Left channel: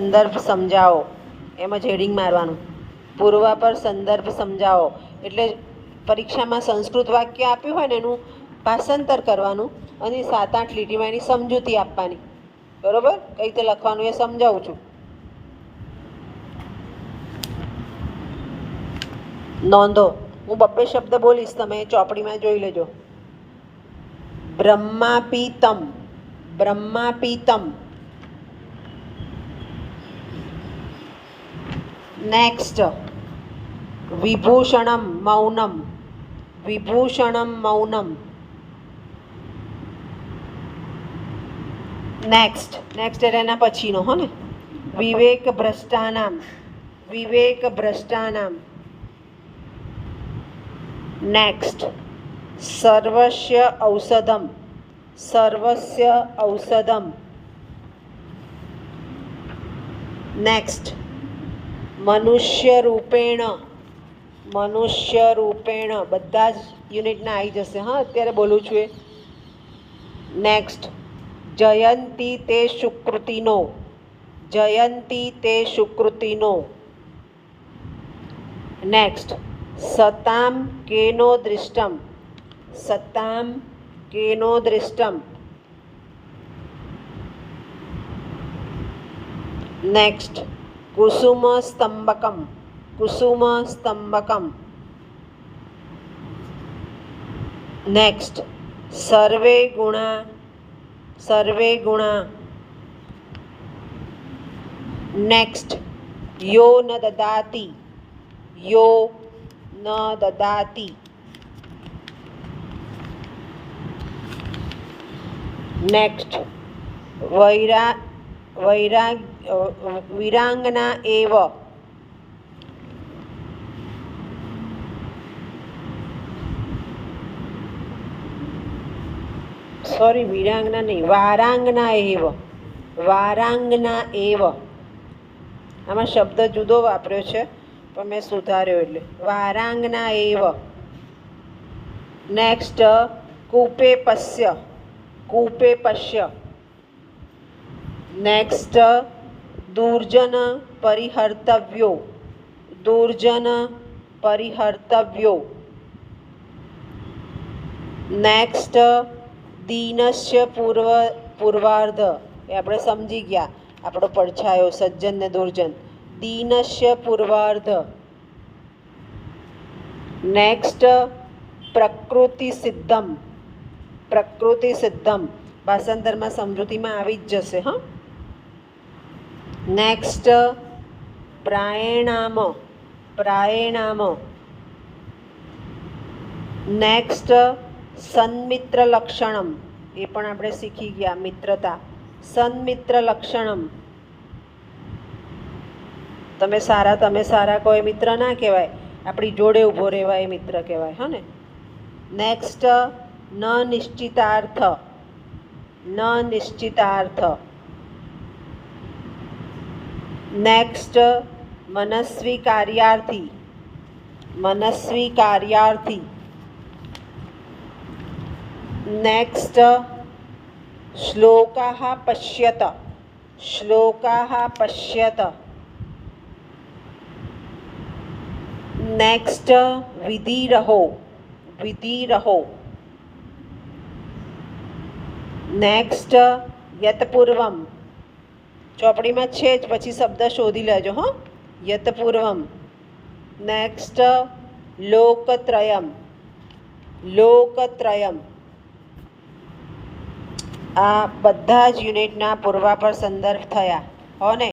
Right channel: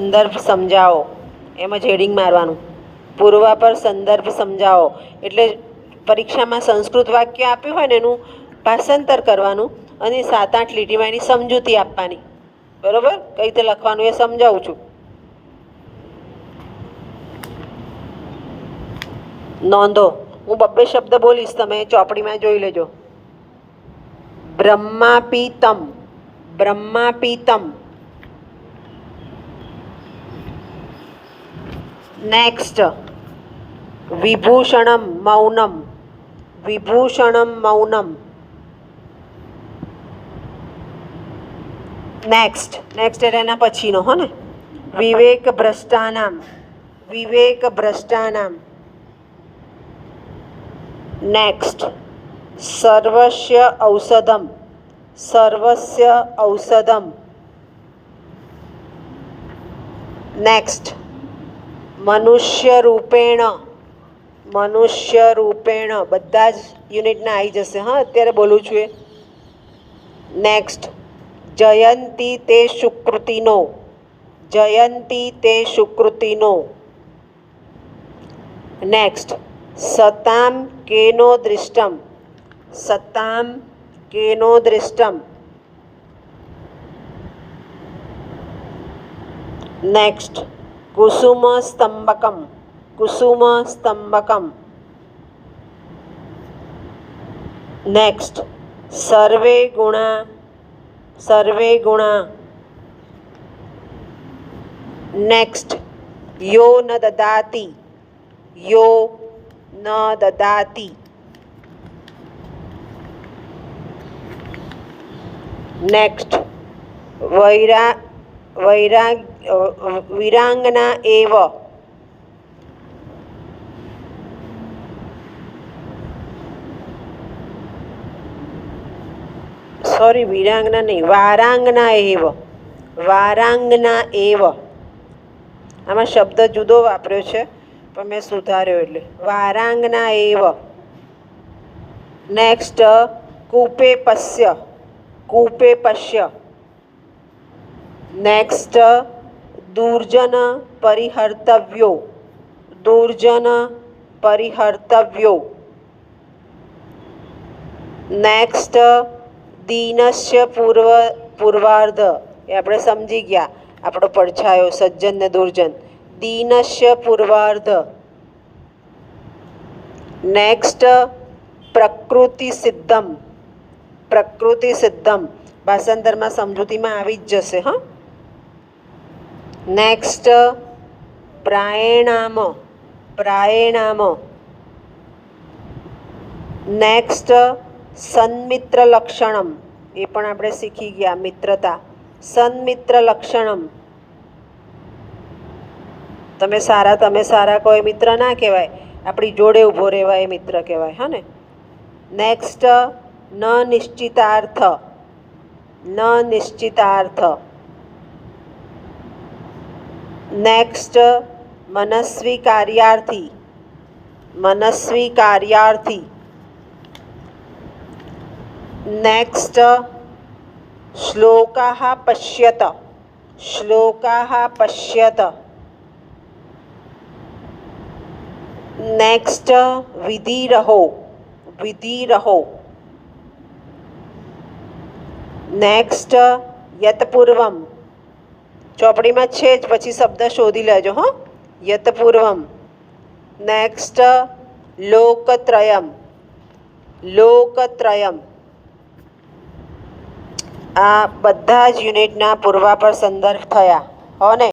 સંદર્ભ સમજાવો, એમ જ હેડિંગ મારવાનું. પૂર્વાપર સંદર્ભ સમજાવો એટલે પરીક્ષામાં સંસ્કૃત વાક્ય આપ્યું હોય ને એનું ભાષાંતર કરવાનું અને 7-8 લીટીમાં એની સમજૂતી આપવાની. બરાબર? કઈ રીતે લખવાનું એ સમજાવું છું. નોંધો, હું 2 શબ્દ બોલીશ, તમે ચોપડીમાં જોઈ લેજો. બ્રહ્માપીતમ, બ્રહ્માપીતમ. નેક્સ્ટ, વિભૂષણમ મૌનમ, વિભૂષણમ મૌનમ. નેક્સ્ટ એટલે એના પછીનો હો ને, વિવેક ભ્રષ્ટાનામ, વિવેક ભ્રષ્ટાનામ. નેક્સ્ટ, સર્વસ્ય ઔષધમ, સર્વસ્ય ઔષધમ. નેક્સ્ટ, મનુષ્ય રૂપેણ, મનુષ્ય રૂપેણ. બધા જ યુનિટના આવી જશે. હા, અત્યારે બોલું છું એ. નેક્સ્ટ, જયંતી તે સુકૃતિનો, જયંતી તે સુકૃતિનો. નેક્સ્ટ, સતામ કેનો દૃષ્ટમ, સતામ કેનો દૃષ્ટમ. નેક્સ્ટ, કુસુમ સ્તંભકમ, કુસુમ સ્તંભકમ. નેક્સ્ટ, સર્વે ગુણા, સર્વે ગુણા. નેક્સ્ટ, યો ન દદાતિ, યો ન દદાતિ. નેક્સ્ટ, વિરાંગના એવ, સોરી વિરાંગના નહીં, વારાંગના એવ, વારાંગના એવ. આમાં શબ્દ જુદો વાપર્યો છે પણ મેં સુધાર્યો એટલે વારાંગના એવ. નેક્સ્ટ, કૂપે પશ્ય, કૂપે પશ્ય. નેક્સ્ટ, દુર્જન પરિહર્તવ્યો, દુર્જન પરિહર્તવ્યો. નેક્સ્ટ, દીનસ્ય પૂર્વાર્ધ, એ આપણે સમજી ગયા, આપણો પડછાયો સજ્જન ને દુર્જન. દીનસ્ય પૂર્વાર્ધ. નેક્સ્ટ, પ્રકૃતિ સિદ્ધમ, પ્રકૃતિ સિદ્ધમ. ભાષાંતરમાં સમજૂતીમાં આવી જ જશે. હા. નેક્સ્ટ, પ્રાયણામ, પ્રાયણામ. નેક્સ્ટ, સન્મિત્ર લક્ષણમ, એ પણ આપણે શીખી ગયા, મિત્રતા. સન્મિત્ર લક્ષણમ. તમે સારા કોઈ મિત્ર ના કહેવાય, આપણી જોડે ઊભો રહેવાય એ મિત્ર કહેવાય. હા ને. નેક્સ્ટ, ન નિશ્ચિતાર્થ, ન નિશ્ચિતાર્થ. નેક્સ્ટ, મનસ્વી કાર્યાર્થી, મનસ્વી કાર્યાર્થી. નેક્સ્ટ, શ્લોકાઃ પશ્યત, શ્લોકાઃ પશ્યત. નેક્સ્ટ, વિધિરહો, વિધિરહો. નેક્સ્ટ, યતપૂર્વમ. ચોપડીમાં છે જ, પછી શબ્દ શોધી લેજો. હો, યતપૂર્વમ. નેક્સ્ટ, લોકત્રયમ, લોકત્રયમ. આ બધા જ યુનિટના પૂર્વાપર સંદર્ભ થયા. હો ને.